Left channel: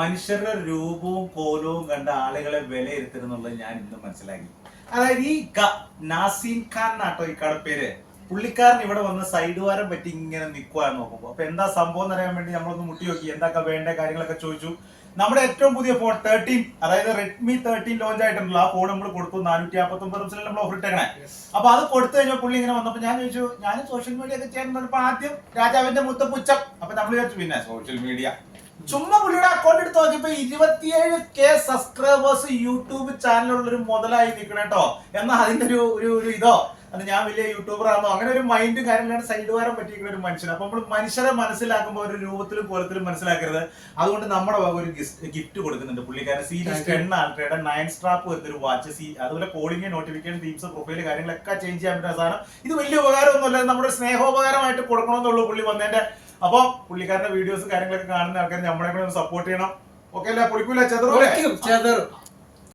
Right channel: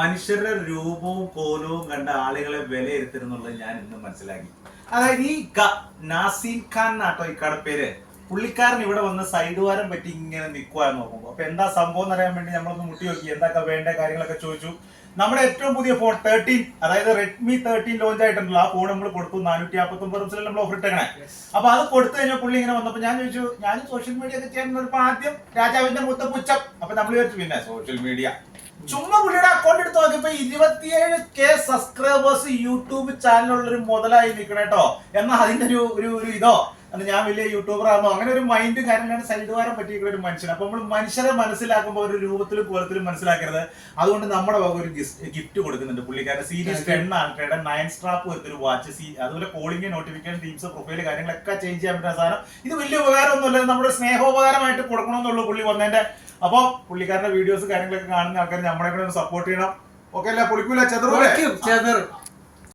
മനുഷ്യരുടെ രൂപവും കോലവും കണ്ട ആളുകളെ വിലയിരുത്തരുന്നുള്ളത് ഞാൻ ഇന്ന് മനസ്സിലാക്കി. അതായത് ഈ നാസീം ഖാൻ നാട്ടോ ഈ കടപ്പേര്, പുള്ളിക്കാരൻ ഇവിടെ വന്ന് സൈഡ് വാരം പറ്റി ഇങ്ങനെ നിൽക്കുവാൻ നോക്കുമ്പോ അപ്പൊ എന്താ സംഭവം എന്ന് അറിയാൻ വേണ്ടി നമ്മളൊന്ന് മുട്ടി നോക്കി, എന്തൊക്കെ വേണ്ട കാര്യങ്ങളൊക്കെ ചോദിച്ചു. നമ്മുടെ ഏറ്റവും പുതിയ ഫോൺ 13, അതായത് റെഡ്മി 13 ലോഞ്ച് ആയിട്ടുണ്ടല്ലോ. ആ ഫോൺ നമ്മൾ കൊടുത്തു 459 നമ്മൾ ഓഫർ ഇട്ടേക്കണേ. അപ്പൊ അത് കൊടുത്തു കഴിഞ്ഞാൽ പുള്ളി ഇങ്ങനെ വന്നപ്പോ ഞാൻ ചോദിച്ചു, ഞാൻ സോഷ്യൽ മീഡിയ ഒക്കെ ചെയ്യാൻ വന്നപ്പോ ആദ്യം രാജാവിന്റെ മുത്തപ്പുച്ചം. അപ്പൊ നമ്മൾ വിചാരിച്ചു പിന്നെ സോഷ്യൽ മീഡിയ ചുമ്മാ പുള്ളിയുടെ അക്കൗണ്ട് എടുത്ത് നോക്കിയപ്പോ 27K സബ്സ്ക്രൈബേഴ്സ് യൂട്യൂബ് ചാനലുള്ളൊരു മുതലായി നിൽക്കണേട്ടോ. എന്നാൽ അതിന്റെ ഒരു ഇതോ അത് ഞാൻ വലിയ യൂട്യൂബർ ആണോ അങ്ങനെ ഒരു മൈൻഡും കാര്യങ്ങളാണ് സൈഡ് വാരം പറ്റിയിരിക്കുന്ന ഒരു മനുഷ്യൻ. അപ്പൊ നമ്മൾ മനുഷ്യരെ മനസ്സിലാക്കുമ്പോൾ ഒരു രൂപത്തിലും കോലത്തിലും മനസ്സിലാക്കരുത്. അതുകൊണ്ട് നമ്മുടെ വക ഒരു ഗിഫ്റ്റ് കൊടുക്കുന്നുണ്ട് പുള്ളിക്കാരൻ. സീരീസ് 10 ആണ്, 9 സ്ട്രാപ്പ് വരുന്നൊരു വാച്ച്. അതുപോലെ കോളിംഗ്, നോട്ടിഫിക്കേഷൻ, തീംസ്, പ്രൊഫൈൽ കാര്യങ്ങളൊക്കെ ചേഞ്ച് ചെയ്യാൻ പറ്റുന്ന സാധനം. ഇത് വലിയ ഉപകാരമൊന്നുമല്ല, നമ്മുടെ സ്നേഹോപകാരമായിട്ട് കൊടുക്കണമെന്നുള്ളൂ പുള്ളി വന്നതിന്റെ. അപ്പൊ പുള്ളിക്കാരുടെ വീഡിയോസ് കാര്യങ്ങളൊക്കെ കാണുന്ന ആൾക്കാർ നമ്മളെ കൂടെ ഒന്ന് സപ്പോർട്ട് ചെയ്യണം. ഓക്കെ അല്ലേ? പൊളിക്കൂല, ചെതറൂല്ലേ?